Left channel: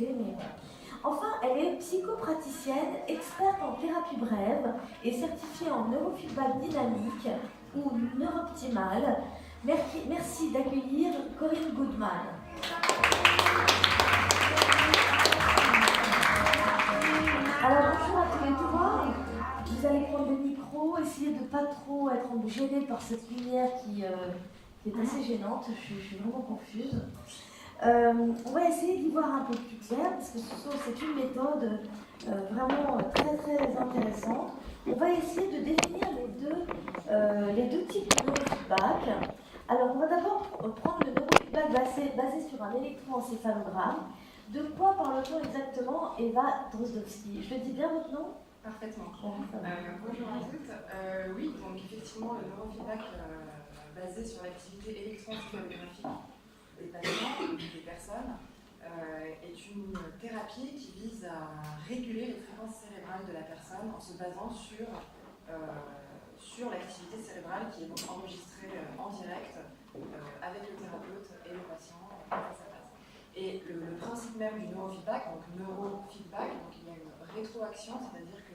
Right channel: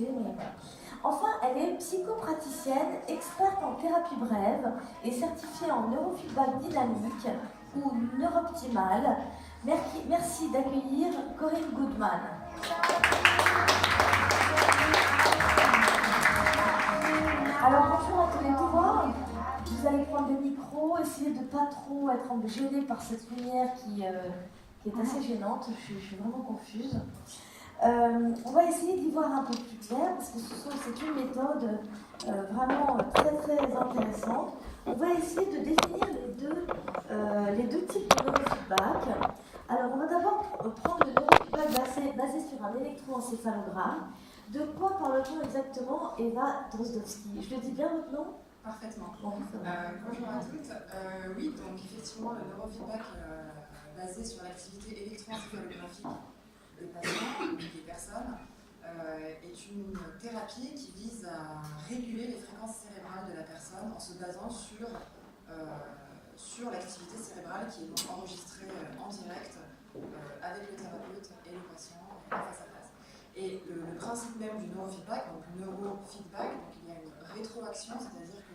français, mais voilà. Enfin, elle est psychopraticienne, experte en thérapie brève et certifiée en neurofeedback dynamique ou neurooptimal. Merci d'accueillir Corinne Goodman. Alors bonjour à tous les trois. Vous allez prendre le micro, essayez de ne pas trop être gênés par cette lumière qui est assez gênante. Je suis vraiment confuse. On va essayer d'y voir un peu plus clair parce que c'est une méthode vraiment très très intéressante. On va essayer de définir les deux types de neurofeedback. Alors on va d'abord prendre le neurofeedback basé sur un électroencéphalogramme. De quoi parle-t-on exactement, Eva Drozdowski? Je le dis bien votre nom? Parfaitement. Bonjour à toutes. Oui, donc effectivement, le neurofeedback basé sur l'activité électroencéphalographique des patients ou des personnes est une thérapie qui vise à réguler les fréquences cérébrales de la personne en se basant sur l'activité cérébrale qui est donc enregistrée en direct avec le thérapeute et le patient face à face. Et le principe même du neurofeedback, donc neurofeedback, donc il y a une rétroaction, c'est-à-dire que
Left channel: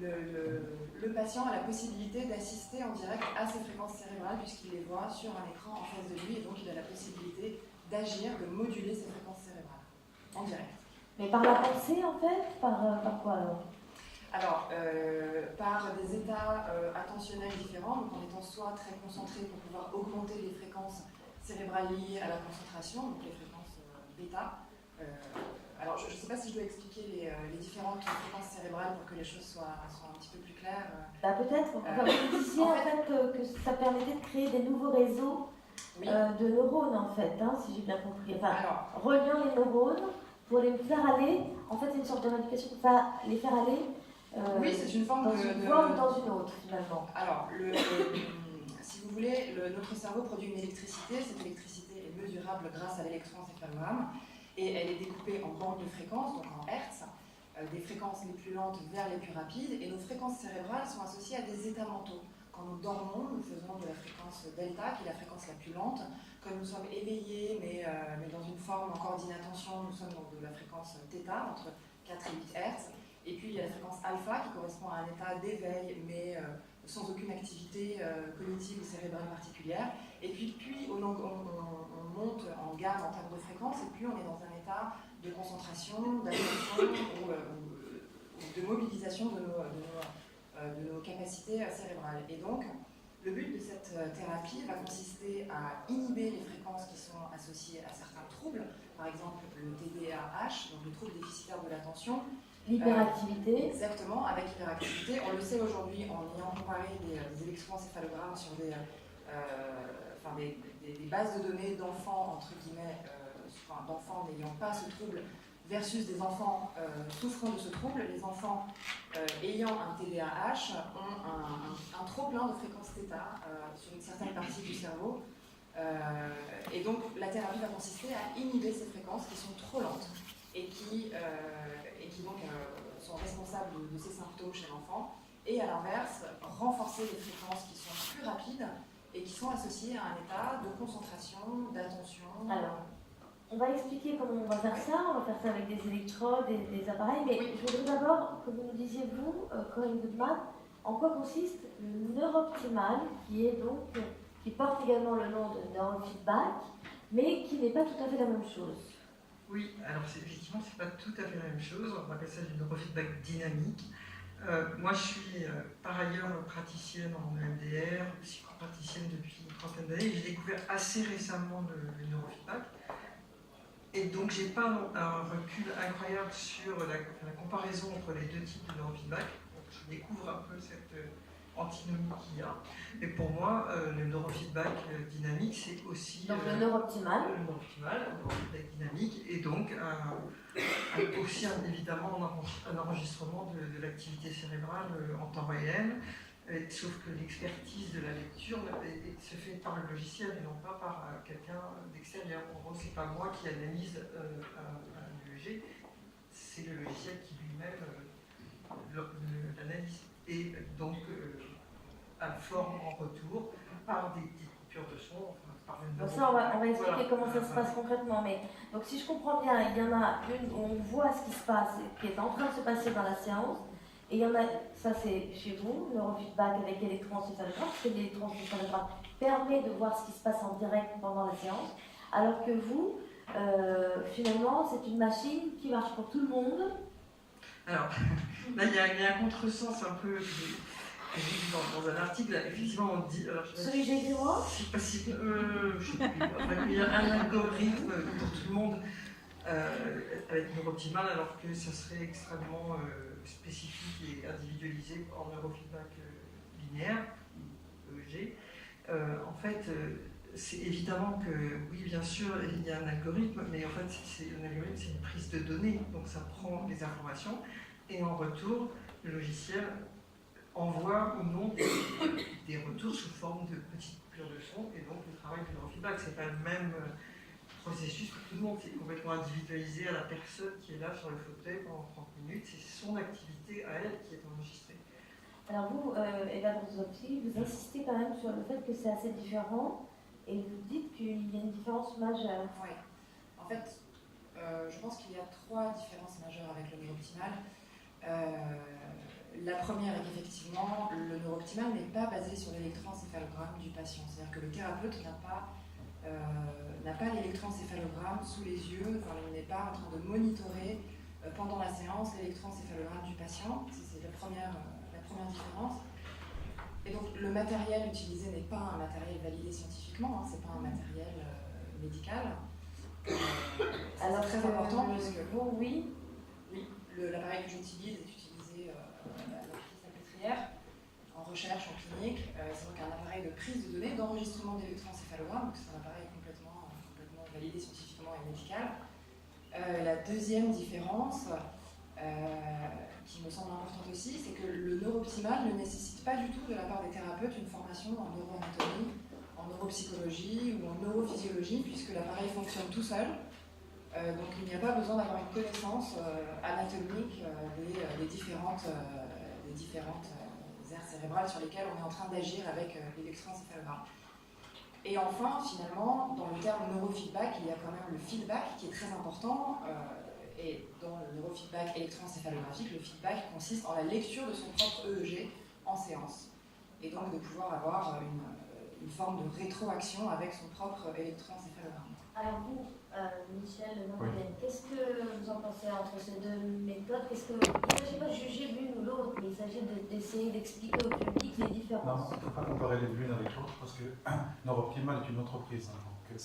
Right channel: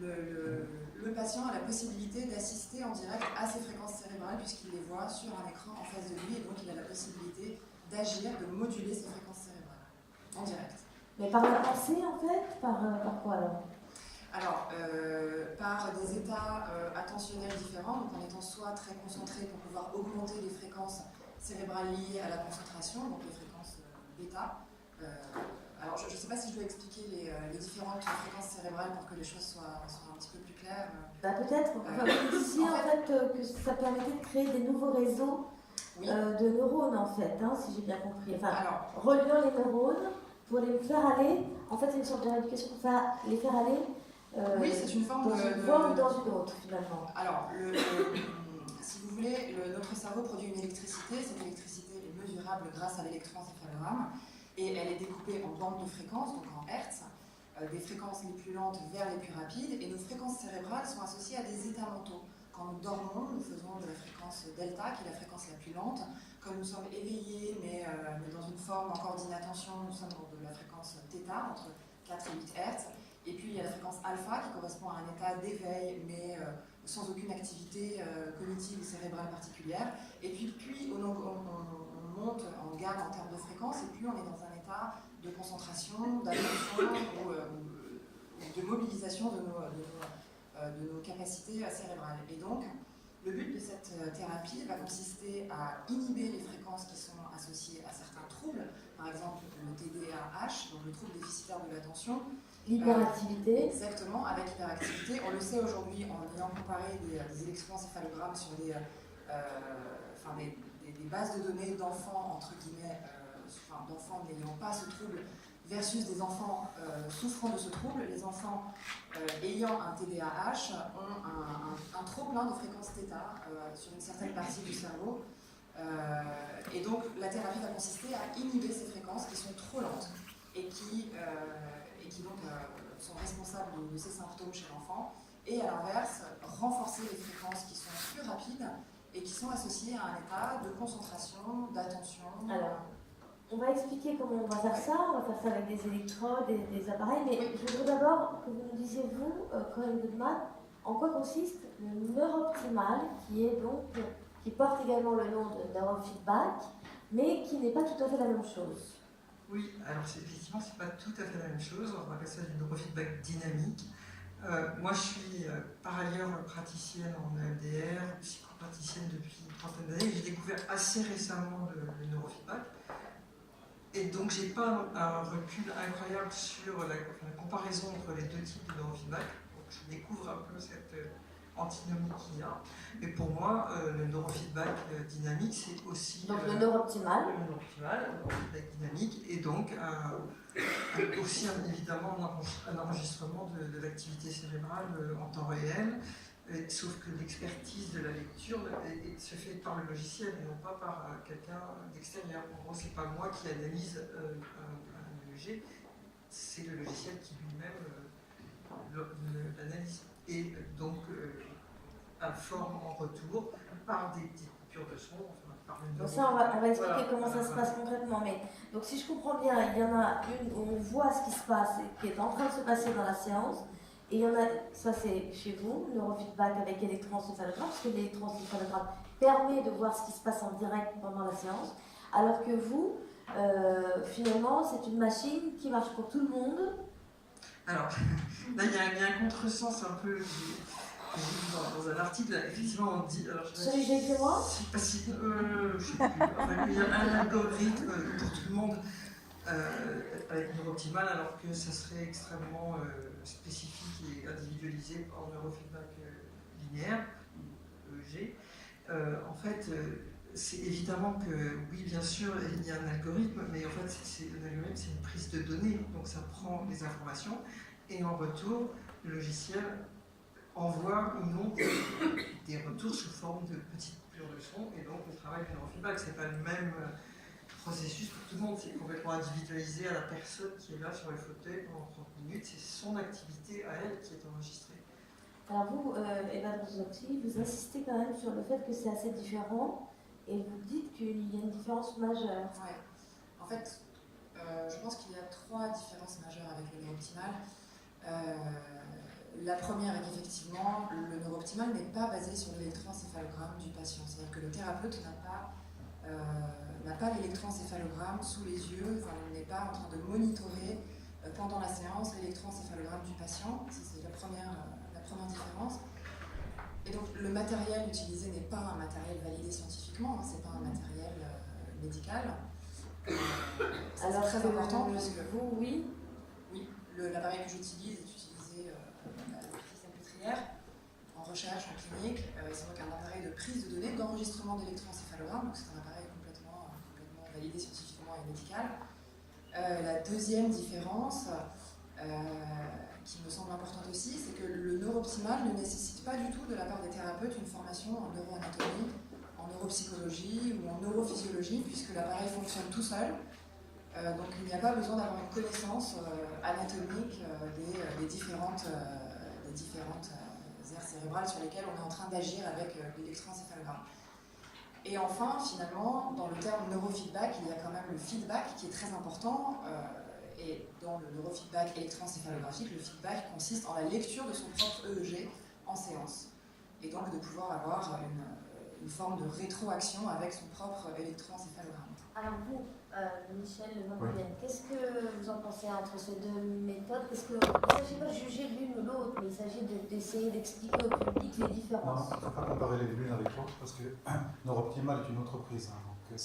le patient a la possibilité d'assister en direct à ces fréquences cérébrales puisqu'il les voit sur un écran en face de lui et donc il a la possibilité d'agir, de moduler ces fréquences cérébrales en direct. Mais par la pensée en fait? Par quoi alors? Alors, par des états attentionnels différents, donc en étant soit très concentré pour pouvoir augmenter les fréquences cérébrales liées à la concentration, donc les fréquences bêta. Alors, je ne sais pas si je dois expliquer les différentes fréquences cérébrales pour que les choses soient un petit peu plus claires. Peut-être. Vous disiez en fait que ça permettait de créer des nouveaux réseaux de neurones, en fait, hein, si j'ai bien compris. Enfin, reliant les neurones pour les faire aller. En fait, c'est une sorte de rééducation pour les faire aller. Oui, c'est une forme dans une voie ou dans une autre, finalement. Alors, si vous voulez, notre cerveau produit une électricité. Cette électricité est mesurable grâce à l'électroencéphalogramme. Et elle est découpée en bandes de fréquences, donc en hertz, des fréquences les plus lentes vers les plus rapides, et nos fréquences cérébrales sont associées à des états mentaux. Quand nous dormons, nous faisons de la fréquence delta, qui est la fréquence la plus lente. Quand nous sommes éveillés, mais dans une forme encore d'inattention, nous sommes dans de la fréquence θ, entre 4 et 8 hertz. Et puis il y a la fréquence alpha, qui correspond à un état d'éveil, mais sans aucune activité cognitive ou cérébrale particulière. Et puis on monte en gamme en termes de fréquence, et plus on est dans un état de concentration, d'attention ou de mobilisation de nos capacités cérébrales. Et donc, le but de cette thérapie va consister à inhiber les fréquences qui sont associées à certains troubles, par exemple le TDAH, donc le trouble déficitaire de l'attention. L'hyperactivité. Exactement, avec l'hyperactivité. On le sait aujourd'hui en ayant comparé des électroencéphalogrames sur des bases de données d'enfants, entre guillemets, d'enfants n'ayant pas ce trouble, versus des enfants souffrant de ce trouble. Les enfants ayant un TDAH ont un trop-plein de fréquences θ sur une certaine partie du cerveau. Et donc, la thérapie va consister à inhiber ces fréquences qui sont trop lentes et qui donc sont responsables de ces symptômes chez l'enfant. Et à l'inverse, renforcer les fréquences qui sont plus rapides et qui sont associées à un état de concentration, d'attention. Alors, on va expliquer comment on va faire ça. On va faire ça avec des électrodes et des appareils. Mais je voudrais d'abord que vous nous disiez, vous, Corinne Goodman, en quoi consiste le neurooptimal, qui porte également le nom de neurofeedback, mais qui n'est pas tout à fait la même chose. Oui, alors effectivement, c'est pas tout à fait la même chose. On appelle ça du neurofeedback dynamique. Moi, je suis par ailleurs praticienne en EMDR, psychopraticienne depuis une trentaine d'années. J'ai découvert assez récemment le neurofeedback. Et donc, j'ai pas un recul incroyable sur la comparaison entre les deux types de neurofeedback. Donc, je découvre un peu cette antinomie qu'il y a. Mais pour moi, le neurofeedback dynamique, c'est aussi... Donc le neurooptimal. Le neurofeedback dynamique, et donc aussi évidemment un enregistrement de l'activité cérébrale en temps réel, sauf que l'expertise de la lecture se fait par le logiciel et non pas par quelqu'un d'extérieur. En gros, c'est pas moi qui analyse un EEG, c'est le logiciel qui lui-même l'analyse. Et donc, informe en retour par des pure de son. Enfin, par le Donc ça, on va expliquer voilà. comment ça se passe concrètement. Mais, donc si je comprends bien, il y en a une où on voit ce qui se passe, qui est en train de se passer dans la séance. Et il y en a, ça c'est chez vous, neurofeedback avec électroencéphalogramme, parce que l'électroencéphalogramme permet de voir ce qui se passe en direct pendant la séance. Alors que vous, finalement, c'est une machine qui marche pour tout le monde. Alors, là, il y a un contresens un peu que j'ai vu dans un article. Là, effectivement, on dit. Alors, Celui que j'ai écrit moi je sais pas si. Je sais plus. Enfin, il y a un algorithme pour tout le monde avec Neurooptimal, alors que ça serait extrêmement spécifique et individualisé en neurofeedback linéaire, EEG. En fait, c'est évidemment que, oui, bien sûr, il y a un algorithme, mais en fait, un algorithme, c'est une prise de données, donc ça prend les informations, et en retour, le logiciel envoie ou non des retours sous forme de petites coupures de son, et donc le travail du neurofeedback, c'est pas le même processus pour tout le monde, c'est complètement individualisé à la personne qui est là sur le fauteuil pendant 30 minutes, c'est son activité à elle qui est enregistrée. Alors vous, Eva Drozotti, vous insistez quand même sur le fait que c'est assez différent et vous dites qu'il y a une différence majeure. Ouais. En fait, je pense qu'il y a 3 différences majeures avec le neurooptimal. La première est qu'effectivement, le neurooptimal n'est pas basé sur l'électroencéphalogramme du patient. C'est-à-dire que le thérapeute n'a pas l'électroencéphalogramme sous les yeux, enfin, il n'est pas en train de monitorer pendant la séance l'électroencéphalogramme du patient. C'est la première différence. Et donc le matériel utilisé n'est pas un matériel validé scientifiquement, hein, c'est pas un matériel médical. Alors c'est très important puisque vous, oui. Oui, l'appareil que j'utilise est utilisé à l'hôpital Salpêtrière en recherche, en clinique. C'est donc un appareil de prise de données, d'enregistrement d'électroencéphalogramme, donc c'est un appareil complètement validé scientifiquement et médical. La deuxième différence, qui me semble importante aussi, c'est que le neurooptimal ne nécessite pas du tout de la part des thérapeutes une formation en neuroanatomie, en neuropsychologie ou en neurophysiologie, puisque l'appareil fonctionne tout seul. Donc il n'y a pas besoin d'avoir une connaissance anatomique des différentes aires cérébrales sur lesquelles on est en train d'agir avec l'électroencéphalogramme. Et enfin, finalement, dans le terme neurofeedback, il y a quand même le feedback qui est très important. Et dans le neurofeedback électroencéphalographique, le feedback consiste en la lecture de son propre EEG en séance. Et donc de pouvoir avoir une forme de rétroaction avec son propre électroencéphalogramme. Alors vous, Michel Van-Gogh, qu'est-ce que vous en pensez entre ces deux méthodes? Il ne s'agit pas de juger l'une ou l'autre, mais il s'agit d'essayer d'expliquer au public les différences. Non, il ne faut pas comparer les l'une avec l'autre parce que Neurooptimal est une entreprise. Hein, donc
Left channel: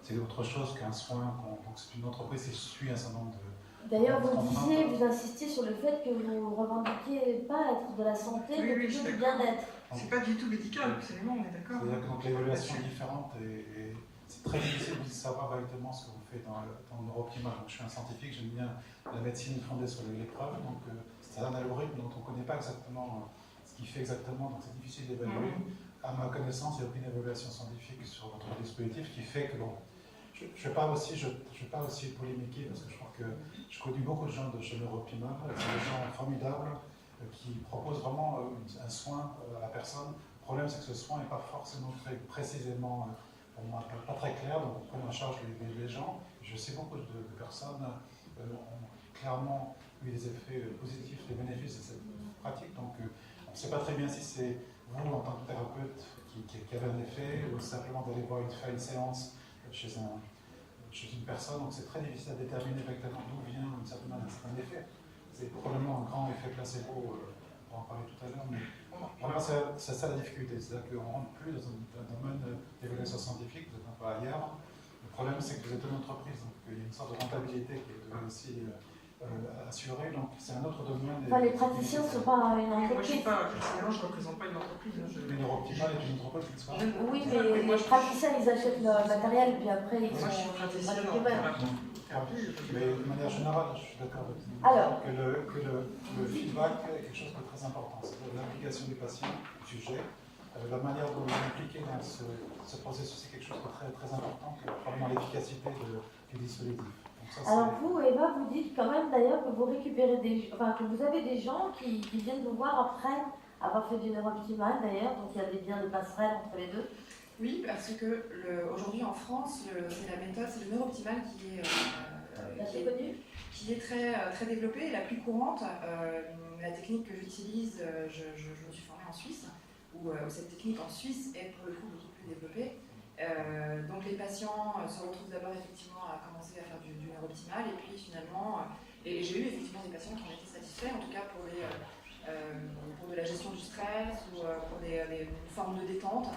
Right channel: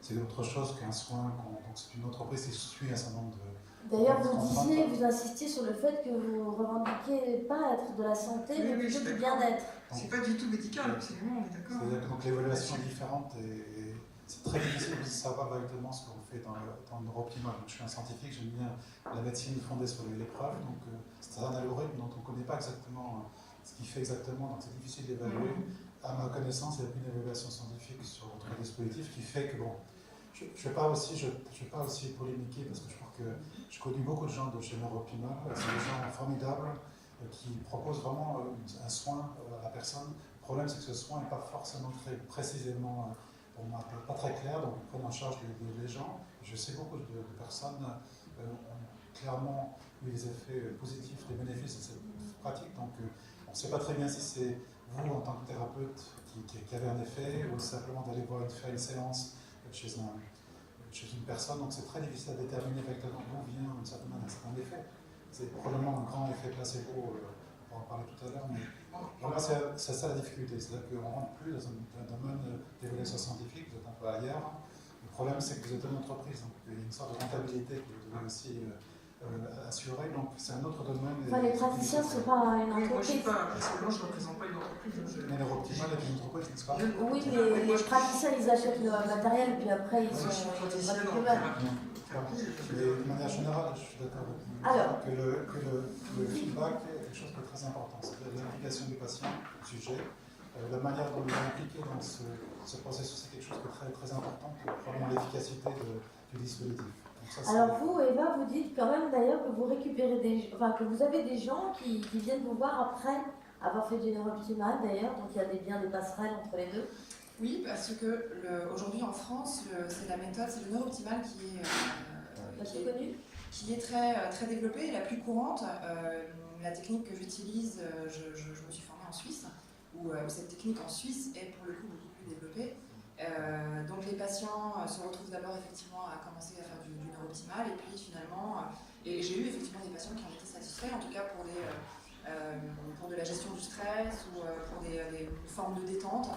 c'est autre chose qu'un soin. Donc c'est une entreprise qui suit un certain nombre de. D'ailleurs, vous insistiez sur le fait que vous ne revendiquiez pas être de la santé, mais plutôt du bien-être. C'est pas du tout médical, absolument, on est d'accord. C'est-à-dire que donc l'évaluation est différente et c'est très difficile de savoir exactement ce qu'on fait dans le Neurooptimal. Donc, je suis un scientifique, j'aime bien la médecine fondée sur l'épreuve, donc c'est un algorithme dont on ne connaît pas exactement ce qu'il fait exactement, donc c'est difficile d'évaluer. À ma connaissance, il n'y a aucune évaluation scientifique sur votre dispositif qui fait que, bon, je ne vais pas aussi polémiquer parce que je crois que je connais beaucoup de gens de chez Neurooptimal, c'est des gens formidables qui proposent vraiment un soin à la personne. Le problème, c'est que ce soin n'est pas forcément fait précisément, pour moi, pas très clair, donc on prend en charge les gens. Je sais beaucoup de personnes ont clairement eu des effets positifs, des bénéfices de cette pratique, donc on ne sait pas très bien si c'est vous, en tant que thérapeute, qui avez un effet, ou simplement d'aller voir une séance chez une personne, donc c'est très difficile à déterminer exactement d'où vient un certain effet. C'est probablement un grand effet placebo, on va en parler tout à l'heure, mais voilà, c'est ça la difficulté, c'est-à-dire qu'on ne rentre plus dans un domaine d'évaluation scientifique, vous êtes un peu ailleurs. Le problème, c'est que vous êtes une entreprise, donc il y a une sorte de rentabilité que vous devez aussi assurer, donc c'est un autre domaine. Enfin, les praticiens, ce n'est pas une entreprise. Personnellement, je ne représente pas une entreprise. Mais Neurooptimal est une entreprise, n'est-ce pas? Oui, mais les praticiens, ils achètent leur matériel, puis après, ils sont. Moi, je suis praticien en thérapie. Mais de manière générale, je suis d'accord avec vous. Alors, que le feedback est quelque chose de très important. C'est-à-dire l'implication du patient, du sujet, la manière dont il est impliqué dans ce processus, c'est quelque chose de très, très important pour probablement l'efficacité du dispositif. Ça, alors vous, Eva, vous dites quand même d'ailleurs que vous récupérez que vous avez des gens qui viennent vous voir après avoir fait du neurooptimal d'ailleurs, donc il y a bien des passerelles entre les deux. Oui, parce que aujourd'hui en France, c'est la méthode, c'est le neurooptimal qui est très développée et la plus courante. La technique que j'utilise, je me suis formée en Suisse, où cette technique en Suisse est pour le coup beaucoup plus développée. Donc les patients se retrouvent d'abord effectivement à commencer à faire du neurooptimal et puis finalement, et j'ai eu effectivement des patients qui en étaient satisfaits, en tout cas pour de la gestion du stress ou pour des formes de détente,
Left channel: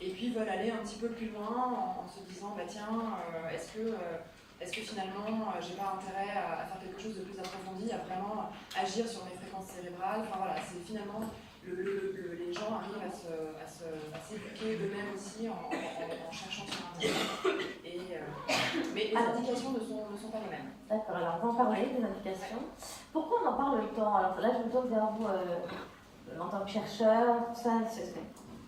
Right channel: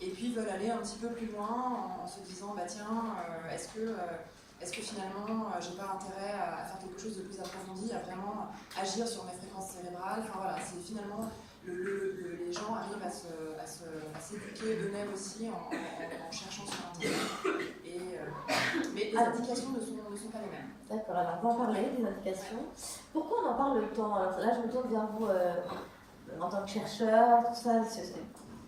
et puis veulent aller un petit peu plus loin en se disant bah tiens, est-ce que finalement j'ai pas intérêt à faire quelque chose de plus approfondi, à vraiment agir sur mes fréquences cérébrales. Enfin voilà, c'est finalement les gens arrivent à s'éduquer eux-mêmes aussi en cherchant sur Internet. Mais les indications ne sont pas les mêmes. D'accord, alors on va en parler des indications. Pourquoi on en parle autant? Alors là, je me tourne vers vous en tant que chercheur, tout ça.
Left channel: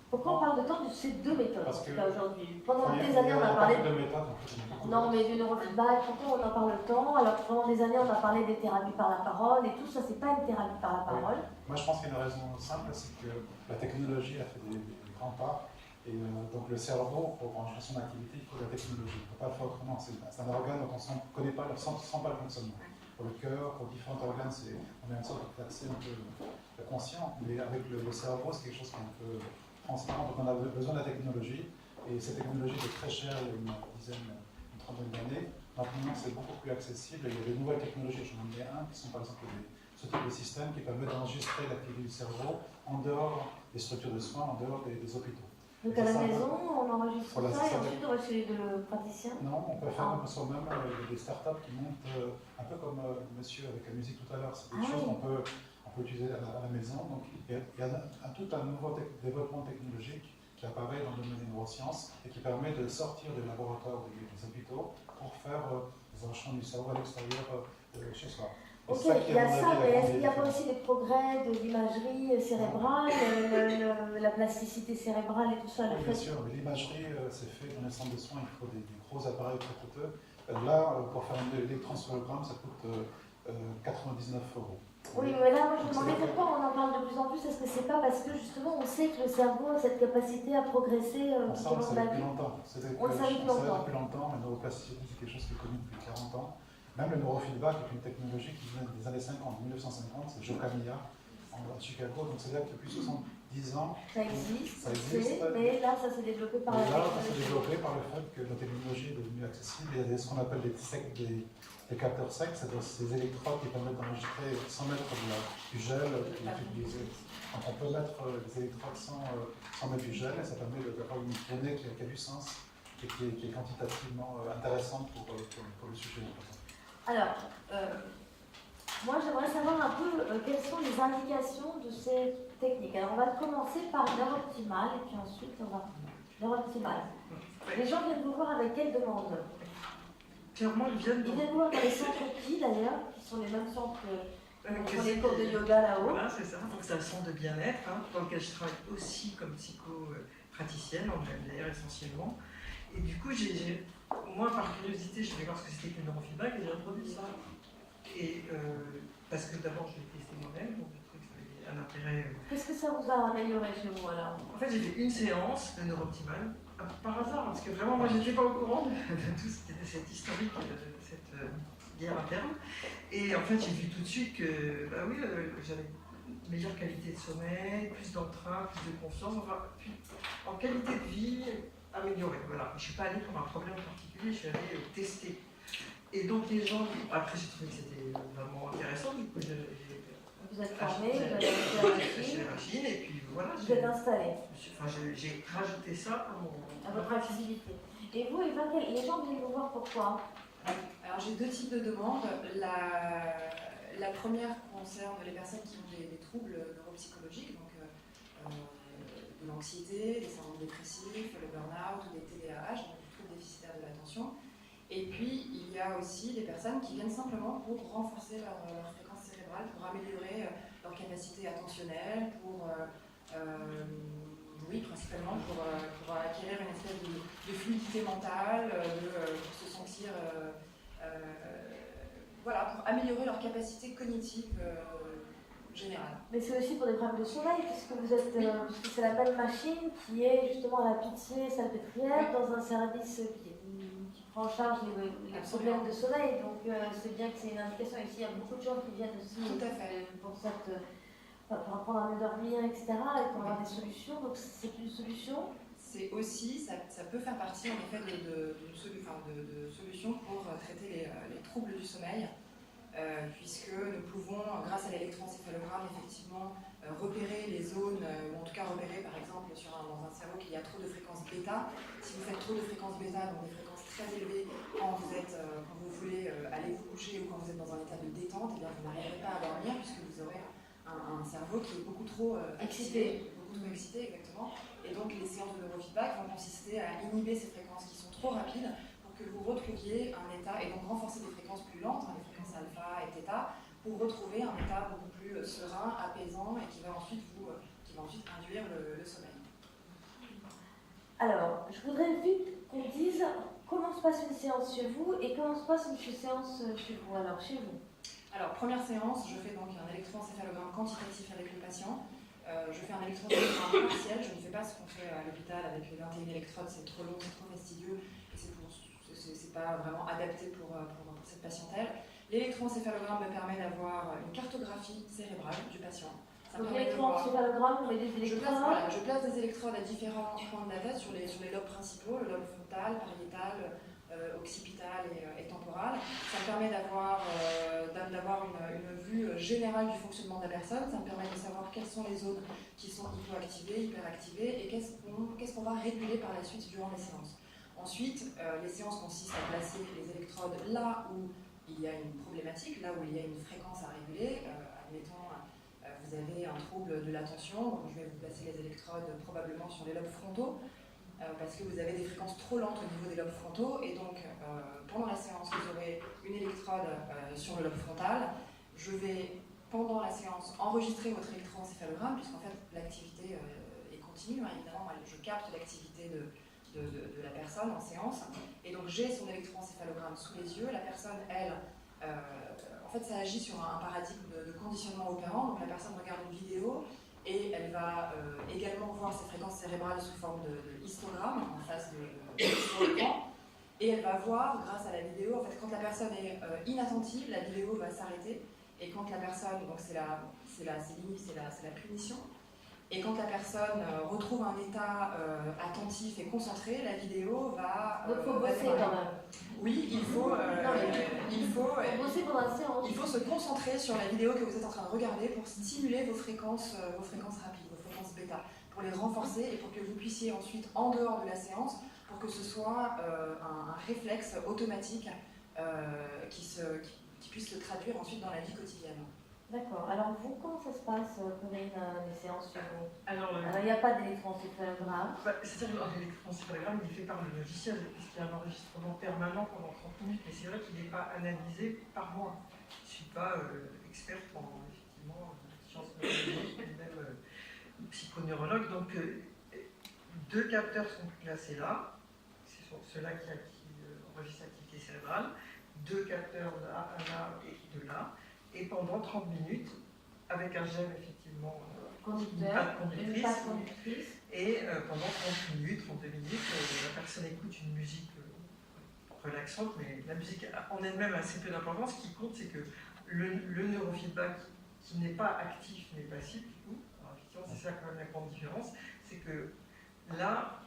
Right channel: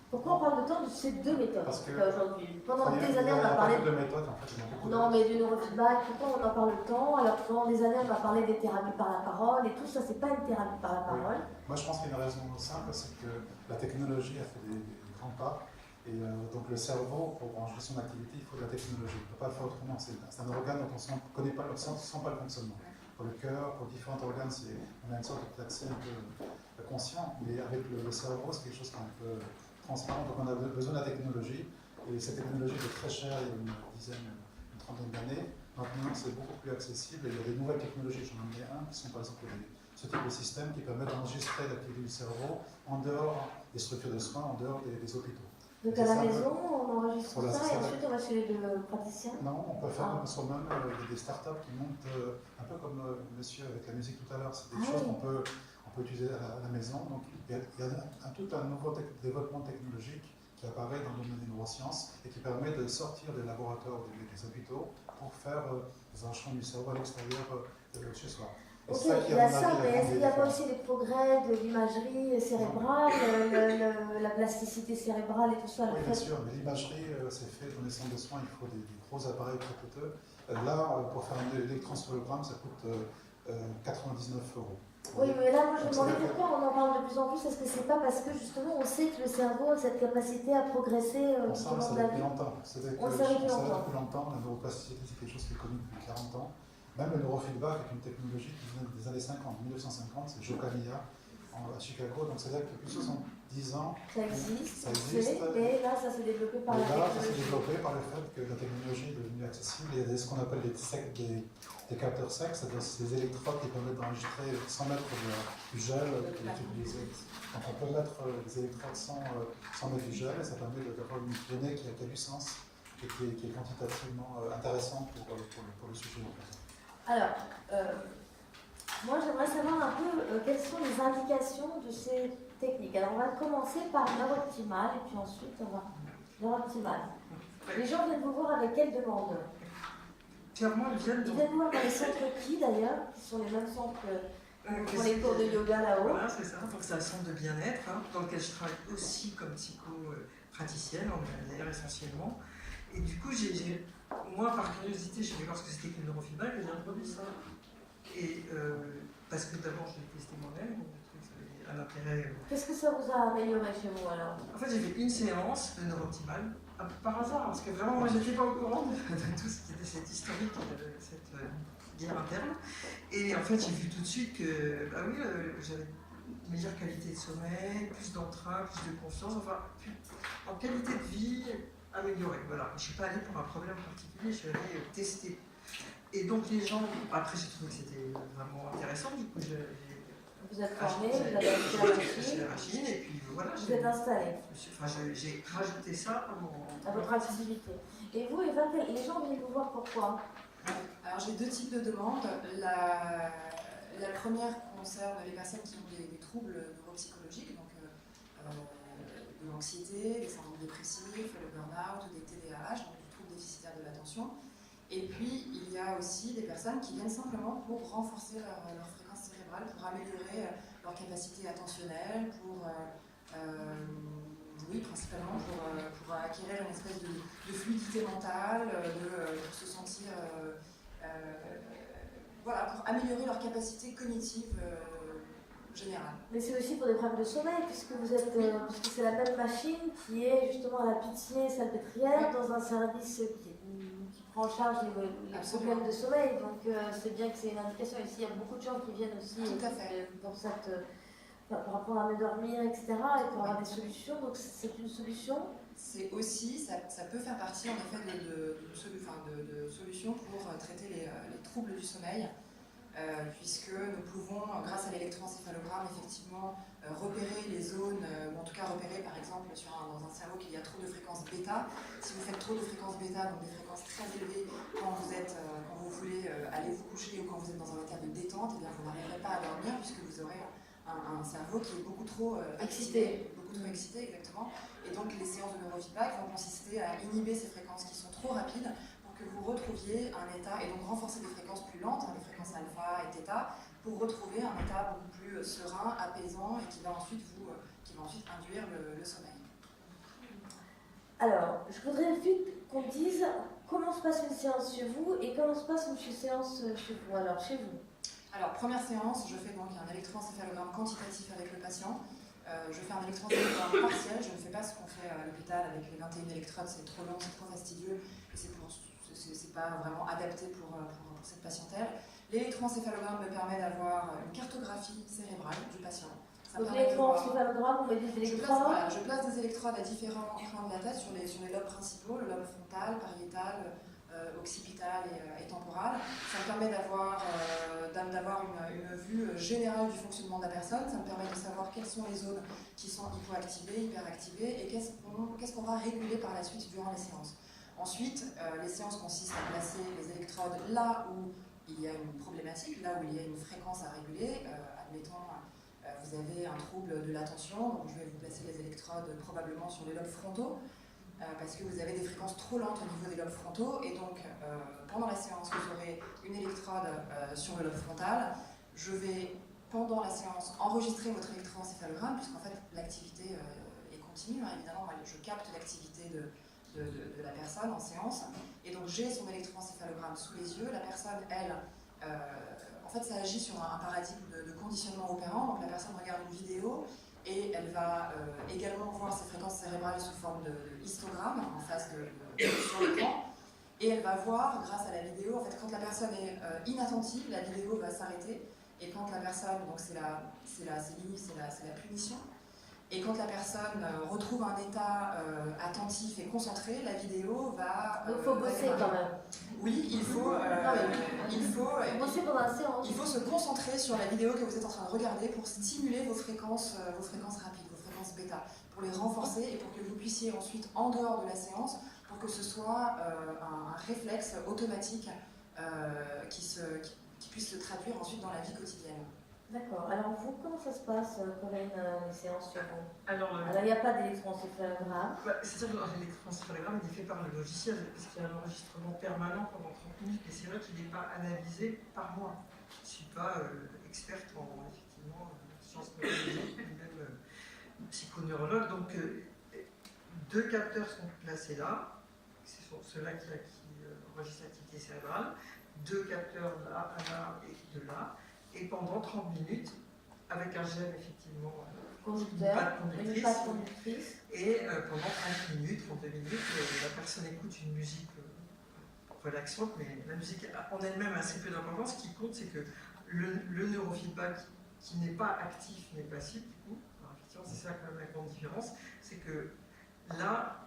Pourquoi on parle autant de ces deux méthodes aujourd'hui? Pendant des années, on a parlé de méthodes. En fait, non, mais du neurofeedback, pourquoi on en parle autant? Alors pendant des années, on a parlé des thérapies par la parole et tout ça, c'est pas une thérapie par la parole. Oui. Moi, je pense qu'il y a une raison simple, c'est que la technologie a fait des grands pas. Et donc le cerveau, pour brancher son activité, il faut de la technologie. On ne peut pas le faire autrement. C'est un organe dont on ne connaît pas, sent pas le fonctionnement. Pour le cœur, pour différents organes, on a une sorte d'accès un peu conscient. Mais avec le cerveau, c'est quelque chose qu'on peut transparent. Donc on a besoin de la technologie. Et cette technologie était très chère il y a une trentaine d'années. Maintenant, c'est beaucoup plus accessible. Il y a des nouvelles technologies, j'en ai un, qui sont par exemple ce type de système qui permet d'enregistrer l'activité du cerveau en dehors des structures de soins, en dehors des hôpitaux. Donc à la maison, on enregistre ça et ensuite on va chez le praticien? Non, on peut faire comme soi-même. Il y a des startups qui montent un peu comme monsieur avec la musique tout à l'heure. C'est des choses qu'on peut utiliser à la maison. Donc il y a tout un nouveau développement technologique qui apparaît dans le domaine des neurosciences et qui permet de sortir des laboratoires ou des hôpitaux pour faire des enchaînements du cerveau à l'extérieur chez soi. Ok, il y a ça, mais est-ce qu'il n'y a pas aussi les progrès de l'imagerie cérébrale, la plasticité cérébrale et tout ça? Oui, bien sûr, mais l'imagerie, c'est fait dans les centres de soins, il faut des gros appareils très coûteux. Là, pour faire un électroencéphalogramme, ça coûte 99 €. Oui, mais là, moi je me demandais pourquoi on en parle de plus en plus. Est-ce que c'est pas parce que justement on sait que le cerveau a cette capacité à progresser on le savait depuis longtemps. On le savait depuis longtemps. La neuroplasticité, c'est quelque chose qui est connu depuis 40 ans. Même le neurofeedback est une technologie qui vient des années 50, 1950, c'est Joe Camilla à Chicago, donc c'est là que depuis 70 ans, ça existe. Mais là, ça s'est développé par la technologie. Ça s'est développé par le fait que la technologie est devenue accessible. Il y a ce qu'on appelle des capteurs secs, c'est ces électrodes qui permettent d'enregistrer 100 mètres du gel qui est utilisé. Donc on peut mettre des électrodes sans mettre du gel et ça permet d'avoir une donnée qui a du sens et qui est quantitativement intéressante pour le sujet. Alors, moi j'aimerais savoir un peu quelles sont les indications de ces techniques. Alors on va commencer par neurooptimal et puis ensuite on va neurooptimal. Les gens viennent vous voir avec quelle demande? Clairement, ils viennent vous voir dans les centres qui d'ailleurs, qui sont les mêmes centres pour les cours de yoga là-haut. Voilà, c'est ça. Donc c'est un centre de bien-être dans lequel je travaille aussi comme psycho-praticienne, en MDR essentiellement. Et du coup, moi, par curiosité, je voulais voir ce que c'était que le neurofeedback et j'ai introduit ça. Et parce que d'abord, je l'ai testé moi-même, donc je trouvais que c'était un intérêt. Qu'est-ce que ça vous a amélioré chez vous alors? En fait, j'ai fait une séance de neurooptimal, par hasard, parce que vraiment, moi, je n'étais pas au courant de tout cette historique, de cette guerre interne. Et en fait, j'ai vu tout de suite que, bah oui, j'avais une meilleure qualité de sommeil, plus d'entrain, plus de confiance, enfin, en qualité de vie améliorée. Voilà. Je ne suis pas allée pour un problème particulier, je suis allée tester. Et donc, les gens, après, j'ai trouvé que c'était vraiment intéressant, du coup, vous êtes formé, vous avez acheté la machine, et puis voilà. Vous êtes installé. J'ai rajouté ça à votre activité. Et vous, Eva, les gens viennent vous voir pourquoi? Alors j'ai deux types de demandes. La première concerne les personnes qui ont des troubles neuropsychologiques, donc de l'anxiété, des syndromes dépressifs, le burn-out, des TDAH, donc des troubles déficitaires de l'attention. Et puis il y a aussi des personnes qui viennent simplement pour renforcer leur fréquence cérébrale, pour améliorer leur capacité attentionnelle, oui, principalement pour acquérir une espèce de fluidité mentale, pour se sentir, voilà, pour améliorer leur capacité cognitive général. Mais c'est aussi pour des problèmes de sommeil, puisque vous êtes, puisque c'est la même machine qui est justement à la Pitié-Salpêtrière, dans un service qui prend en charge les problèmes de sommeil. Donc c'est bien que c'est une indication. Ici, il y a beaucoup de gens qui viennent aussi Tout à fait. pour apprendre à mieux dormir, etc. et pour avoir des solutions. Donc c'est une solution. C'est aussi, ça peut faire partie en effet de solutions pour traiter les troubles du sommeil. Puisque nous pouvons, grâce à l'électroencéphalogramme, effectivement repérer les zones, ou en tout cas repérer par exemple dans un cerveau qu'il y a trop de fréquences bêta. Si vous faites trop de fréquences bêta, donc des fréquences très élevées, quand vous voulez aller vous coucher ou quand vous êtes dans un état de détente, eh bien vous n'arriverez pas à dormir puisque vous aurez un cerveau qui est beaucoup trop excité, exactement. Et donc les séances de neurofeedback vont consister à inhiber ces fréquences qui sont trop rapides, que vous retrouviez un état, et donc renforcer des fréquences plus lentes, les fréquences alpha et theta, pour retrouver un état beaucoup plus serein, apaisant, et qui va ensuite induire le sommeil. Alors, je voudrais vite qu'on dise comment se passe une séance chez vous et comment se passe une séance chez vous. Alors, chez vous. Alors, première séance, je fais donc un électroencéphalogramme quantitatif avec le patient. Je fais un électroencéphalogramme partiel, je ne fais pas ce qu'on fait à l'hôpital avec les 21 électrodes, c'est trop long, c'est trop fastidieux, et c'est pas vraiment adapté pour cette patientèle. L'électroencéphalogramme me permet d'avoir une cartographie cérébrale du patient. Donc l'électroencéphalogramme, on met des électrodes. Je place des électrodes à différents points de la tête sur les lobes principaux, le lobe frontal, pariétal, occipital et temporal. Ça me permet d'avoir une vue générale du fonctionnement de la personne. Ça me permet de savoir quelles sont les zones qui sont hypoactivées, hyperactivées et qu'est-ce qu'on va réguler par la suite durant les séances. Ensuite, les séances consistent à placer les électrodes là où il y a une problématique, là où il y a une fréquence à réguler. Admettons, vous avez un trouble de l'attention, donc je vais vous placer les électrodes probablement sur les lobes frontaux, parce que vous avez des fréquences trop lentes au niveau des lobes frontaux, et donc pendant la séance, vous aurez une électrode sur le lobe frontal. Je vais, pendant la séance, enregistrer votre électroencéphalogramme, puisqu'en fait l'activité est continue, hein, évidemment, je capte l'activité de la personne en séance, et donc j'ai son électroencéphalogramme sous les yeux. La personne, elle, en fait ça agit sur un paradigme de conditionnement opérant, donc la personne regarde une vidéo et elle va également voir ses fréquences cérébrales sous forme de histogramme en face sur l'écran, et elle va voir grâce à la vidéo, en fait quand la personne est inattentive, la vidéo va s'arrêter, et quand la personne, donc c'est la punition. Et quand la personne retrouve un état attentif et concentré, la vidéo va... Donc il faut bosser quand même. Oui, il faut bosser pendant la séance. Il faut se concentrer sur la vidéo que vous êtes en train de regarder pour stimuler vos fréquences rapides, vos fréquences bêta, pour les renforcer et pour que vous puissiez ensuite, en dehors de la séance, pour que ce soit un réflexe automatique qui puisse se traduire ensuite dans la vie quotidienne. D'accord. Alors vous, comment ça se passe, Corinne, les séances chez vous? Alors, il n'y a pas d'électroencéphalogramme. C'est-à-dire que l'électroencéphalogramme il est fait par le logiciel, puisqu'il y a un enregistrement permanent pendant 30 minutes, mais c'est vrai qu'il n'est pas analysé par moi. Je ne suis pas experte en sciences neurologiques, ni même psychoneurologue, donc deux capteurs sont placés là, ce sont ceux-là qui enregistrent l'activité cérébrale, deux capteurs là, un là et deux là, et pendant 30 minutes, avec un gel effectivement, une patte conductrice, et pendant 30 minutes, 32 minutes, la personne écoute une musique relaxante, mais la musique en elle-même a assez peu d'importance. Ce qui compte, c'est que le neurofeedback qui n'est pas actif mais passif, du coup, alors effectivement c'est ça quand même la grande différence, c'est que là,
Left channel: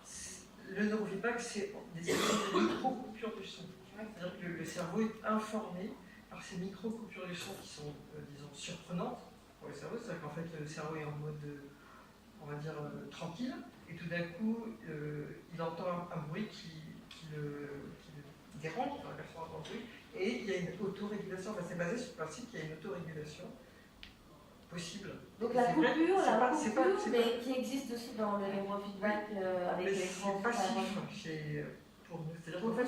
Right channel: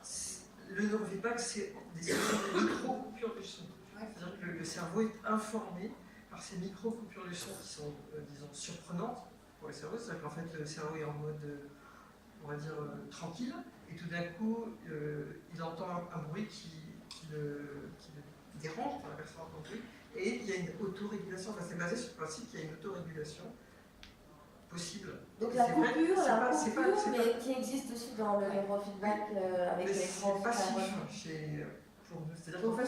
le neurofeedback c'est des micro-coupures de son. C'est-à-dire que le cerveau est informé par ces micro-coupures de son qui sont, disons, surprenantes pour le cerveau. C'est-à-dire qu'en fait, le cerveau est en mode, on va dire, tranquille, et tout d'un coup, il entend un bruit qui le dérange, la personne entend un bruit, et il y a une autorégulation. Enfin, c'est basé sur le principe qu'il y a une autorégulation possible. Donc la coupure, mais qui existe aussi dans le neurofeedback avec les c'est passif pour nous. C'est-à-dire qu'en fait,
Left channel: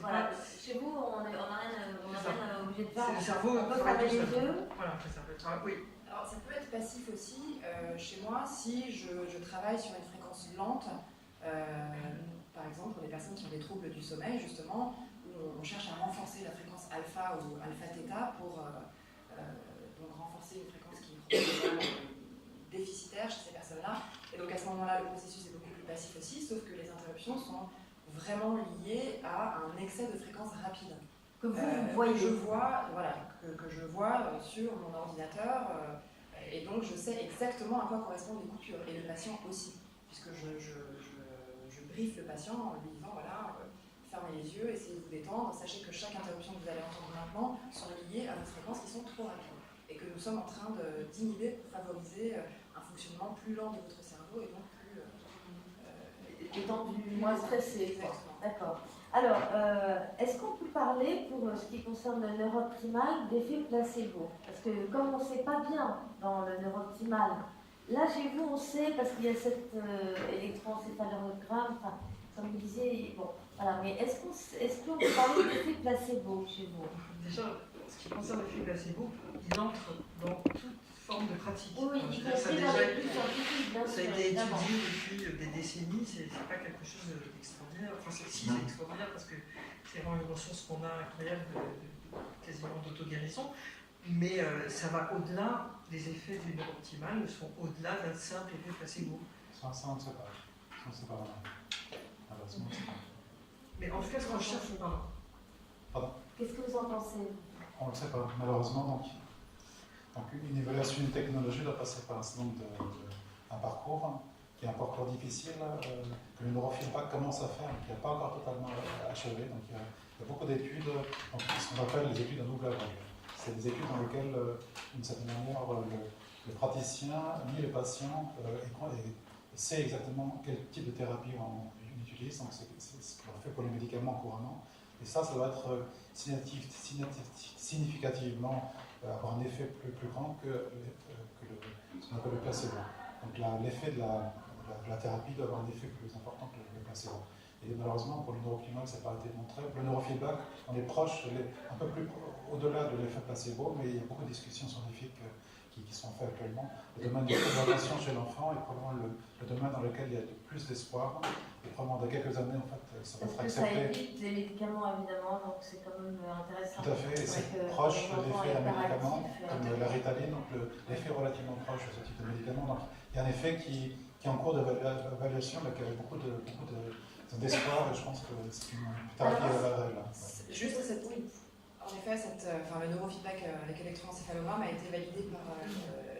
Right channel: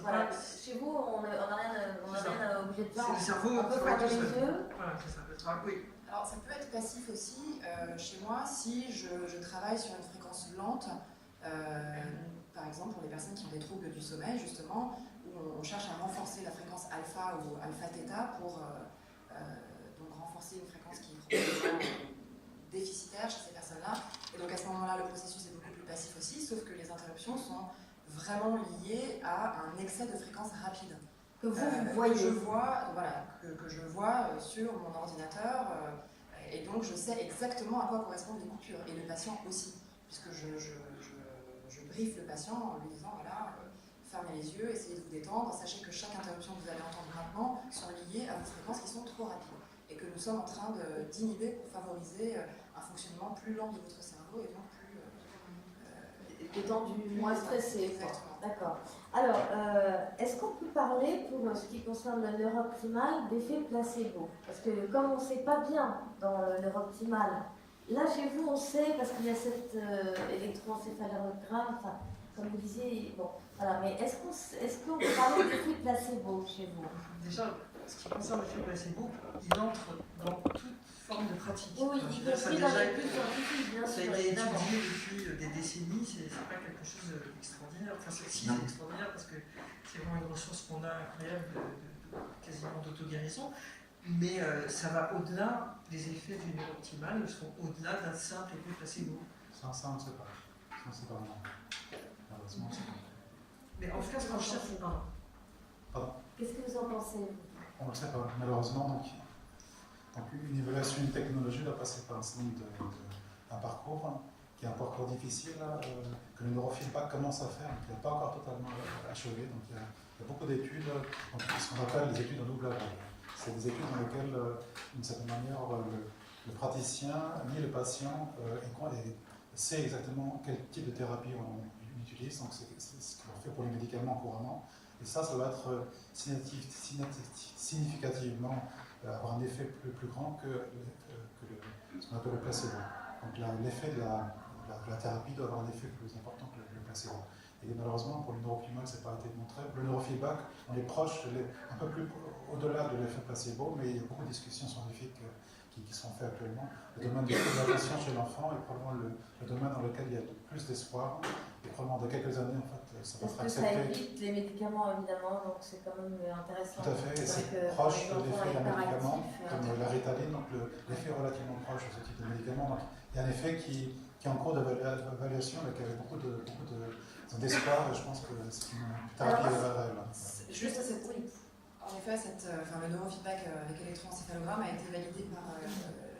voilà. Chez vous, on n'a rien obligé de faire. C'est le cerveau, on peut fermer les yeux. Voilà, c'est ça. Oui. Alors ça peut être passif aussi chez moi si je travaille sur une fréquence lente, par exemple pour les personnes qui ont des troubles du sommeil justement, où on cherche à renforcer la fréquence alpha ou alpha-theta pour donc renforcer une fréquence qui est probablement déficitaire chez ces personnes-là. Et donc à ce moment-là, le processus est beaucoup plus passif aussi, sauf que les interruptions sont vraiment liées à un excès de fréquence rapide. Que vous voyez. Que je vois, voilà, que je vois sur mon ordinateur, et donc je sais exactement à quoi correspondent les coupures, et le patient aussi, puisque je briefe le patient en lui disant, voilà, fermez les yeux, essayez de vous détendre, sachez que chaque interruption que vous allez entendre maintenant sont liées à des fréquences qui sont trop rapides, et que nous sommes en train d'inhiber pour favoriser un fonctionnement plus lent de votre cerveau, et donc plus détendu, moins stressé. Exactement. D'accord. Alors, est-ce qu'on peut parler, pour ce qui concerne le neurooptimal, d'effet placebo? Parce que comme on ne sait pas bien dans le neurooptimal, là chez vous on sait, parce qu'il y a cet électroencéphalogramme, enfin, comme vous disiez, bon, voilà, mais est-ce qu'on peut parler d'effet placebo chez vous? Déjà, ce qui concerne l'effet placebo, il entre dans toute forme de pratique. Oui, y compris dans les plus scientifiques, bien sûr. Ça a été évidemment. étudié depuis des décennies, c'est pas quelque chose d'extraordinaire. Enfin, c'est extraordinaire parce que c'est vraiment une ressource qu'on a incroyable quasiment d'auto-guérison, mais ça va au-delà des effets du neurooptimal, sont au-delà d'un simple effet placebo. Ça, on ne sait pas. Ça, on ne sait pas vraiment. Malheureusement, on ne sait pas. Mais en tout cas, ce qu'on cherche, Pardon. Qu'est-ce que vous en pensez? On ne le sait pas, malheureusement. Donc une évaluation d'une technologie doit passer par un certain nombre un parcours qui est un parcours difficile, que le neurofeedback commence à faire, qui n'est pas encore totalement achevé. Donc il y a beaucoup d'études, ce qu'on appelle les études en double aveugle. C'est des études dans lesquelles, d'une certaine manière, le praticien ni le patient sait exactement quel type de thérapie on utilise. Donc c'est ce qu'on fait pour les médicaments couramment. Et ça va être significativement avoir un effet plus grand que ce qu'on appelle le placebo. Donc l'effet de la thérapie doit avoir un effet plus important que le placebo. Et malheureusement, pour le neurooptimal, ça n'a pas été montré. Le neurofeedback, on est proche, un peu plus au-delà de l'effet placebo, mais il y a beaucoup de discussions scientifiques qui sont faites actuellement. Le domaine de l'évaluation chez l'enfant est probablement le domaine dans lequel il y a le plus d'espoir. Et probablement dans quelques années, en fait, ça va être Parce que ça accepté. évite les médicaments, évidemment, donc c'est quand même intéressant. Tout à fait, et c'est proche de l'effet d'un médicament, comme la Ritaline, donc l'effet est relativement proche de ce type de médicament. Donc il y a un effet qui est en cours d'évaluation, mais qui avait beaucoup d'espoir, et je pense que c'est une thérapie réelle. Juste à cette point, en effet, le neurofeedback avec électroencéphalogramme a été validé par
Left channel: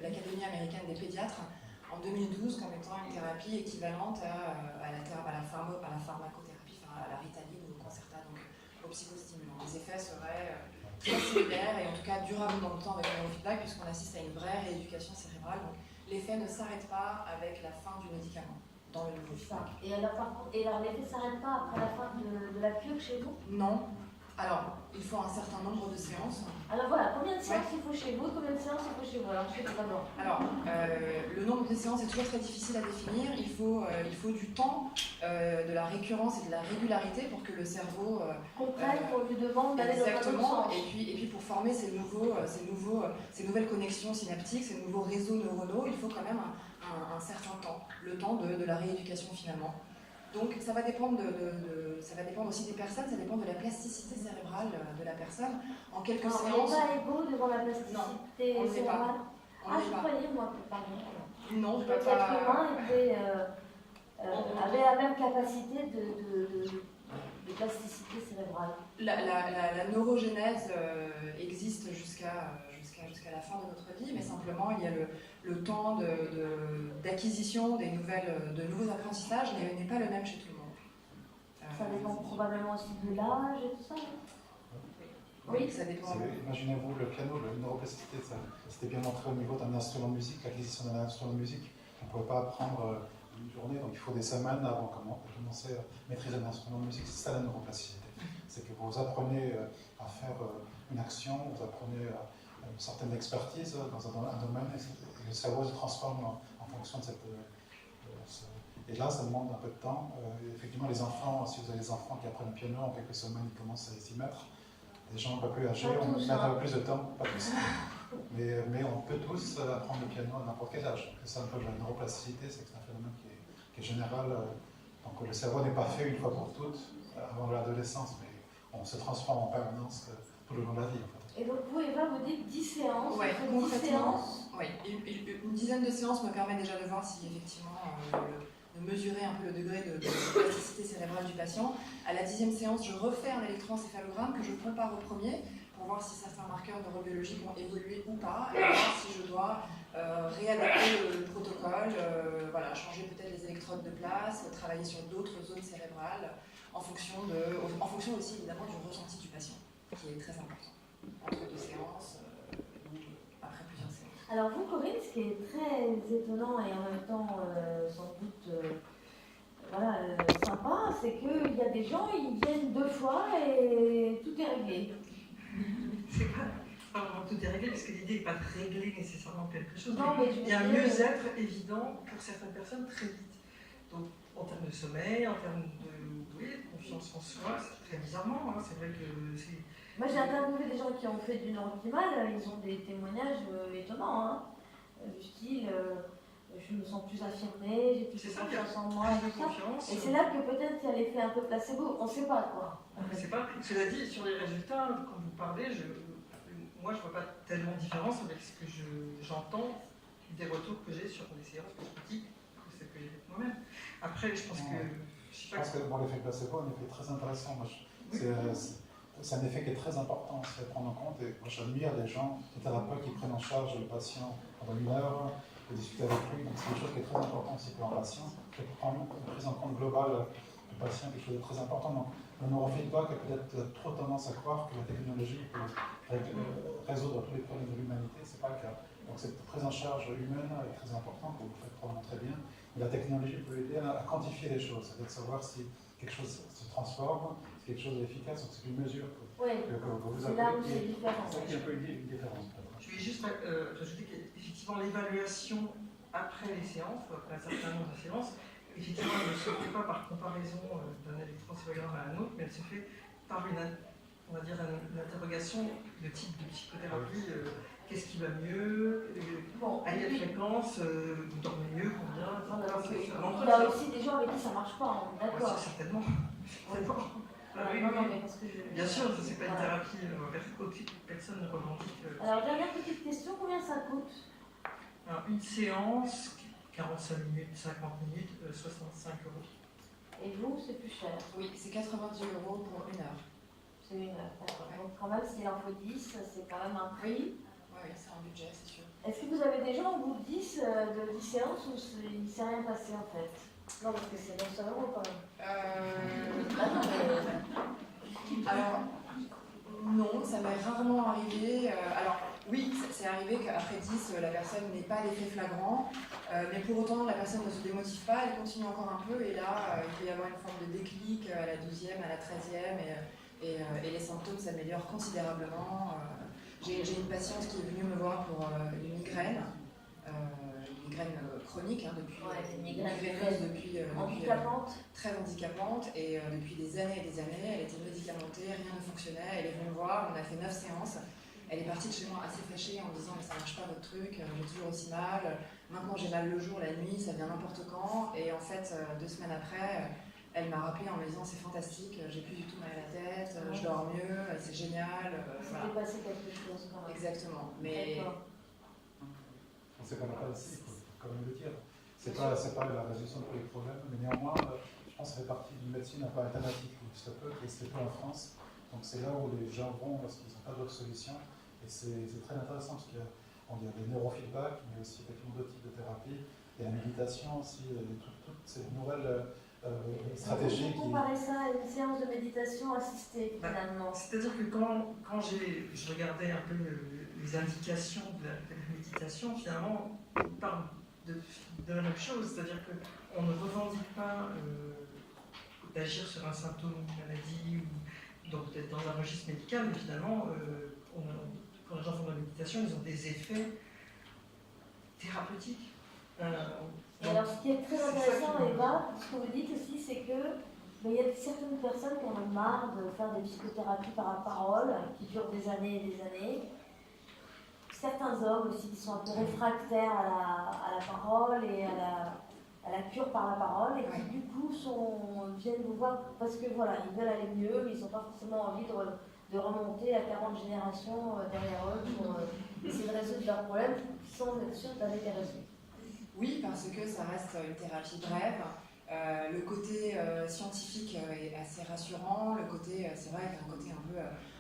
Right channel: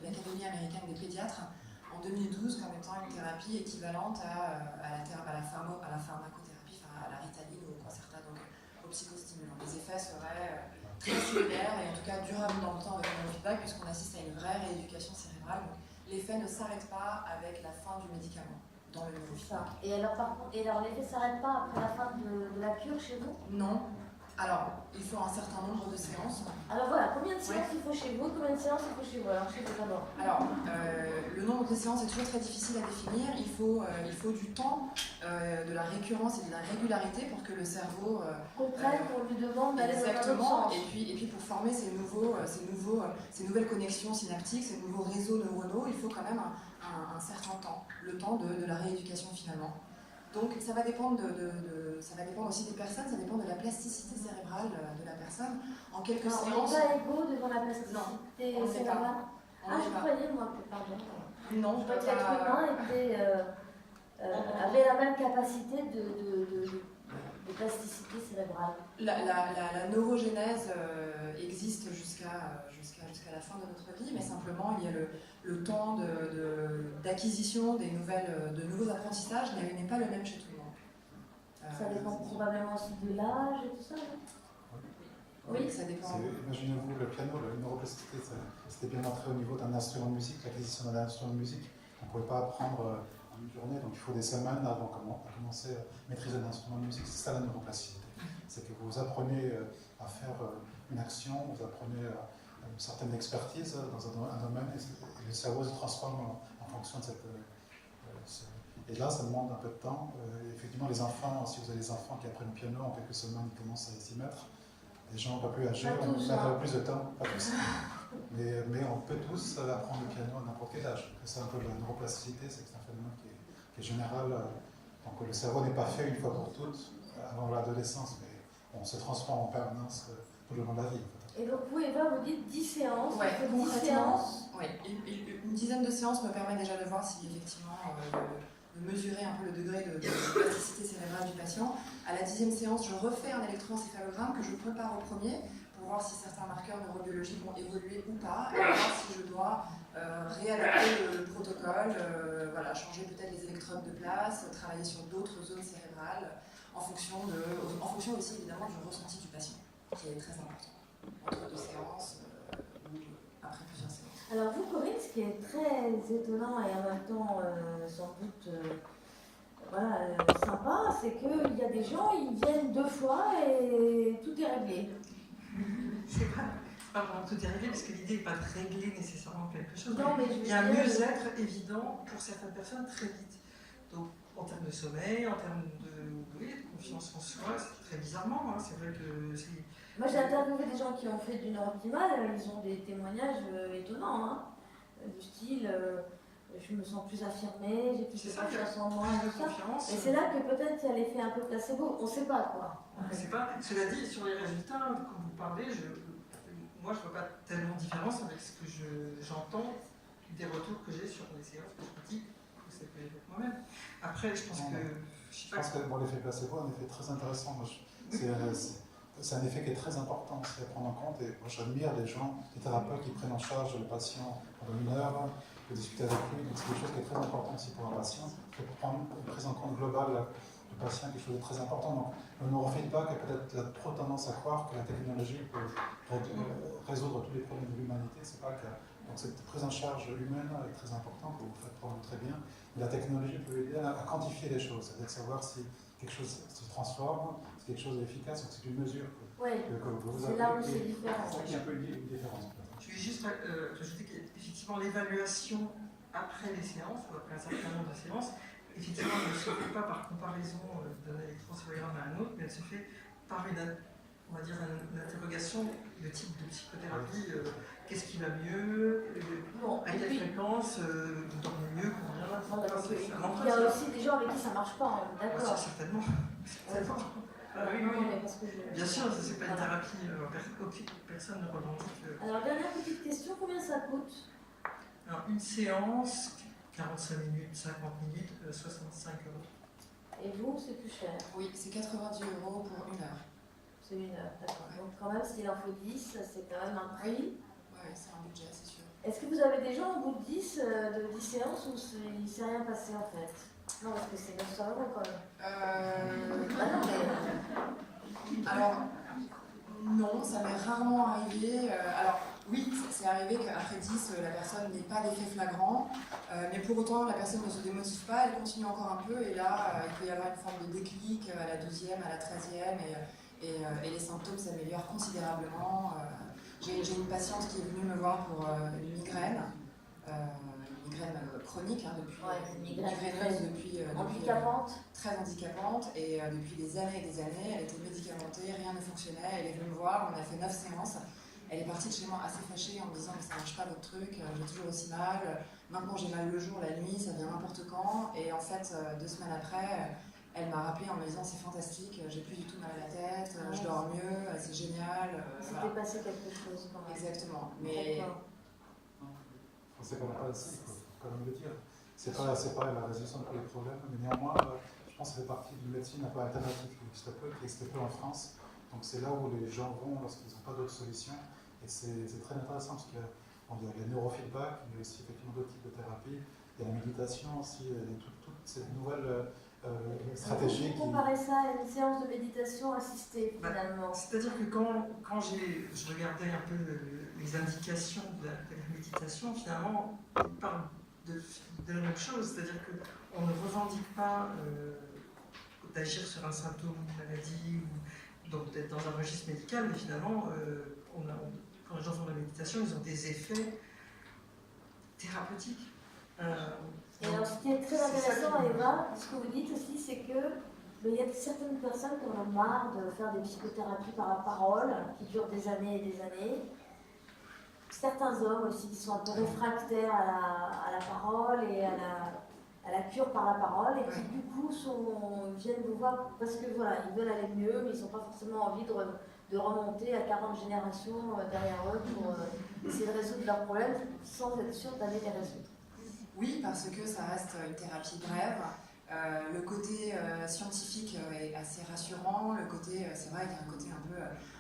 l'Académie américaine des pédiatres en 2012 comme étant une thérapie équivalente à la pharmacothérapie, enfin à la Ritaline ou au Concerta, donc aux psychostimulants. Les effets seraient très similaires et en tout cas durables dans le temps avec le neurofeedback, puisqu'on assiste à une vraie rééducation cérébrale. Donc l'effet ne s'arrête pas avec la fin du médicament dans le neurofeedback. Et alors, l'effet ne s'arrête pas après la fin de la cure chez vous? Non. Alors, il faut un certain nombre de séances. Alors voilà, combien de séances il faut chez vous? Combien de séances il faut chez vous? Alors, je sais pas d'abord. Alors, le nombre de séances est toujours très difficile à définir. Il faut du temps, de la récurrence et de la régularité pour que le cerveau comprenne qu'on lui demande d'aller dans un autre exactement. sens. Et puis pour former ces nouvelles connexions synaptiques, ces nouveaux réseaux neuronaux, il faut quand même un certain temps, le temps de la rééducation finalement. Donc ça va dépendre ça va dépendre aussi des personnes, ça dépend de la plasticité cérébrale de la personne. En quelques séances. On n'est pas égaux devant la plasticité cérébrale. Ah, je croyais, moi, pardon. Non, L'être humain avait la même capacité de plasticité cérébrale. La neurogénèse existe jusqu'à la fin de notre vie, mais simplement il y a le temps d'acquisition de nouveaux apprentissages n'est pas le même chez tout le monde. Ça dépend probablement aussi de l'âge et tout ça, non? Oui, ça dépend. Imaginez-vous le piano, la neuroplasticité, c'était bien montré au niveau d'un instrument de musique, l'acquisition d'un instrument de musique. On ne pouvait pas apprendre en une journée, donc il faut des semaines avant de commencer à maîtriser un instrument de musique. C'est ça la neuroplasticité. C'est que vous apprenez à faire une action, vous apprenez une certaine expertise dans un domaine, et le cerveau se transforme en fonction de cette. Et là, ça demande un peu de temps. Effectivement, les enfants, si vous avez des enfants qui apprennent le piano, en quelques semaines, ils commencent à s'y mettre. Des gens un peu plus âgés, on met un peu plus de temps, pas tous. Mais on peut tous apprendre le piano à n'importe quel âge. C'est un peu la neuroplasticité, c'est un phénomène qui est général. Donc le cerveau n'est pas fait une fois pour toutes avant l'adolescence, mais on se transforme en permanence tout le long de la vie. En fait. Et donc vous, Eva, vous dites 10 séances. Ouais, vous faites 10 concrètement, séances. oui, une dizaine de séances me permet déjà de voir si effectivement, de mesurer un peu le degré de plasticité cérébrale du patient. À la 10e séance, je refais un électroencéphalogramme que je compare au premier pour voir si certains marqueurs neurobiologiques ont évolué ou pas, et voir si je dois réadapter le protocole, voilà, changer peut-être les électrodes de place, travailler sur d'autres zones cérébrales, en fonction aussi évidemment du ressenti du patient, qui est très important, entre 2 séances ou après plusieurs séances. Alors vous, Corinne, ce qui est très étonnant et en même temps sans doute sympa, c'est qu'il y a des gens, ils viennent 2 fois et tout est réglé. C'est pas vraiment tout est réglé, parce que l'idée n'est pas de régler nécessairement quelque chose. Non, mais il y a un mieux-être évident pour certaines personnes très vite. Donc, en termes de sommeil, en termes de confiance en soi, c'est très bizarrement. Hein, c'est vrai que c'est. Moi, j'ai interviewé des gens qui ont fait du neurooptimal, ils ont des témoignages étonnants, hein, du style je me sens plus affirmée, j'ai plus de confiance en moi, tout ça. Et c'est là que peut-être il y a l'effet un peu placebo, on ne sait pas quoi. On ne sait pas. Cela dit, sur les résultats, quand vous parlez, moi je ne vois pas tellement de différence avec ce que j'entends des retours que j'ai sur les séances que je pratique, que celles que j'ai faites moi-même. Après, je pense que. Je pense que l'effet placebo est un effet très intéressant. C'est un effet qui est très important à prendre en compte. Et moi, j'admire les gens, les thérapeutes qui prennent en charge le patient pendant 1 heure, de discuter avec lui. Donc, c'est quelque chose qui est très important aussi pour un patient. Et pour prendre une prise en compte globale du patient, quelque chose de très important. Donc, le neurofeedback a peut-être trop tendance à croire que la technologie peut résoudre tous les problèmes de l'humanité. Ce n'est pas le cas. Donc, cette prise en charge humaine est très importante, que vous faites probablement très bien. Mais la technologie peut aider à quantifier les choses, c'est-à-dire savoir si quelque chose se transforme, si quelque chose est efficace, ou c'est une mesure que vous c'est là où c'est différent. C'est ça qui est un peu une différence. Je vais juste rajouter qu'effectivement l'évaluation après les séances, ou après un certain nombre de séances, effectivement elle ne se fait pas par comparaison d'un électroencéphalogramme à un autre, mais elle se fait par une interrogation de type de psychothérapie. Qu'est-ce qui va mieux, à quelle fréquence, vous dormez mieux, combien. Il y a aussi des gens avec qui ça ne marche pas, d'accord. Certainement. Bien sûr, ce n'est pas une thérapie, personne ne revendique. Alors, dernière petite question, combien ça coûte? Alors, une séance, 45 minutes, 50 minutes, 65 €. Et vous, c'est plus cher? Oui, c'est 90 € pour 1 heure. C'est 1 heure, d'accord. Donc, quand même, s'il en faut 10, c'est quand même un prix. Oui, c'est un budget, c'est sûr. Est-ce que vous avez des gens au bout de 10 séances où il ne s'est rien passé en fait? Non, parce que c'est 900 € quand même. Alors, non, ça m'est rarement arrivé. Alors, oui, c'est arrivé qu'après 10, la personne n'ait pas d'effet flagrant, mais pour autant, la personne ne se démotive pas, elle continue encore un peu, et là, il peut y avoir une forme de déclic à la 12e, à la 13e, et les symptômes s'améliorent considérablement. J'ai une patiente qui est venue me voir pour une migraine chronique, depuis handicapante. Très handicapante, et depuis des années et des années, elle était médicamentée, rien ne fonctionnait, elle est venue me voir, on a fait 9 séances, elle est partie de chez moi assez fâchée en me disant mais ça marche pas votre truc, j'ai toujours aussi mal, maintenant j'ai mal le jour, la nuit, ça vient n'importe quand, et en fait 2 semaines après, elle m'a rappelé en me disant c'est fantastique, j'ai plus du tout mal à la tête, je dors mieux, c'est génial. C'était passé quelque chose quand même. Exactement, mais... C'est pas mal aussi, il faut quand même le dire. C'est pas la résolution de tous les problèmes, mais néanmoins, je pense que ça fait partie d'une médecine un peu alternative qui existe peu en France. Donc c'est là où les gens vont lorsqu'ils n'ont pas d'autres solutions. Et c'est très intéressant parce qu'il y a les neurofeedback, mais aussi effectivement d'autres types de thérapies. Il y a la méditation aussi, toutes ces nouvelles stratégies. Vous comparez ça à une séance de méditation assistée finalement. C'est-à-dire que quand je regardais un peu les indications de la méditation, finalement, on parle de la même chose, c'est-à-dire qu'on ne revendique pas d'agir sur un symptôme, une maladie, ou donc d'être dans un registre médical, mais finalement, quand les gens font de la méditation, ils ont des effets thérapeutiques. Et alors, ce qui est très intéressant, Eva, ce que vous dites aussi, c'est que il y a certaines personnes qui en ont marre de faire des psychothérapies par la parole, qui durent des années et des années. Certains hommes aussi qui sont un peu réfractaires à la parole et à la cure par la parole, et qui du coup viennent vous voir parce que voilà, ils veulent aller mieux, mais ils n'ont pas forcément envie de remonter à 40 générations derrière eux pour essayer de résoudre leurs problèmes sans être sûr d'aller les résoudre. Oui, parce que ça reste une thérapie brève. Le côté scientifique est assez rassurant. Le côté, c'est vrai qu'il y a un côté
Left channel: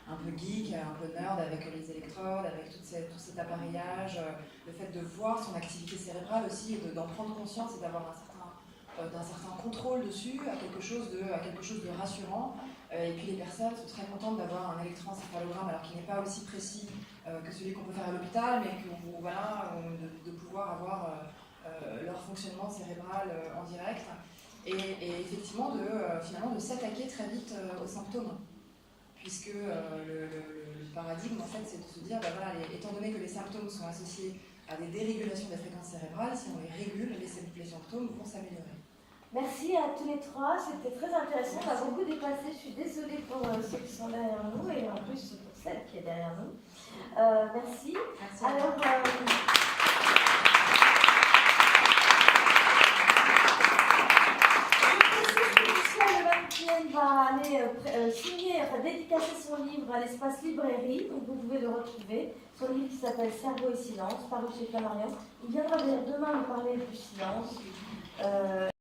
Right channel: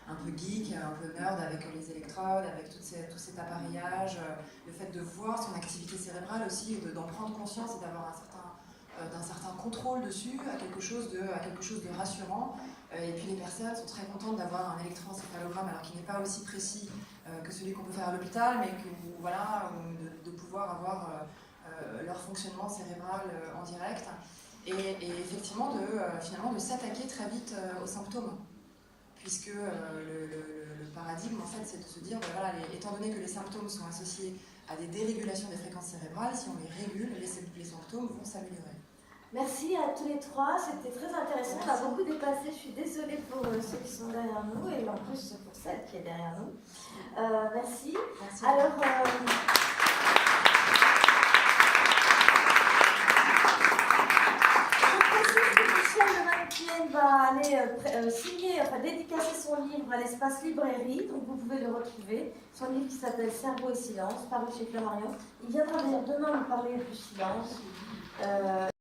un peu geek, un peu nerd avec les électrodes, avec tout cet appareillage. Le fait de voir son activité cérébrale aussi et d'en prendre conscience et d'avoir d'un certain contrôle dessus à quelque chose de rassurant. Et puis les personnes sont très contentes d'avoir un électroencéphalogramme, alors qu'il n'est pas aussi précis que celui qu'on peut faire à l'hôpital, mais de pouvoir avoir leur fonctionnement cérébral en direct. Et effectivement, finalement, de s'attaquer très vite aux symptômes. Puisque le paradigme, en fait, c'est de se dire, voilà, étant donné que les symptômes sont associés à des dérégulations des fréquences cérébrales, si on les régule, les symptômes vont s'améliorer. Merci à tous les trois, c'était très intéressant, on a beaucoup dépassé, je suis désolée pour ceux qui sont derrière nous et en plus pour celle qui est derrière nous. Merci. Alors, Michel va aller signer, dédicacer son livre à l'espace librairie, donc vous pouvez le retrouver. Son livre qui s'appelle Cerveau et silence, paru chez Flammarion. Il viendra d'ailleurs demain nous parler du silence.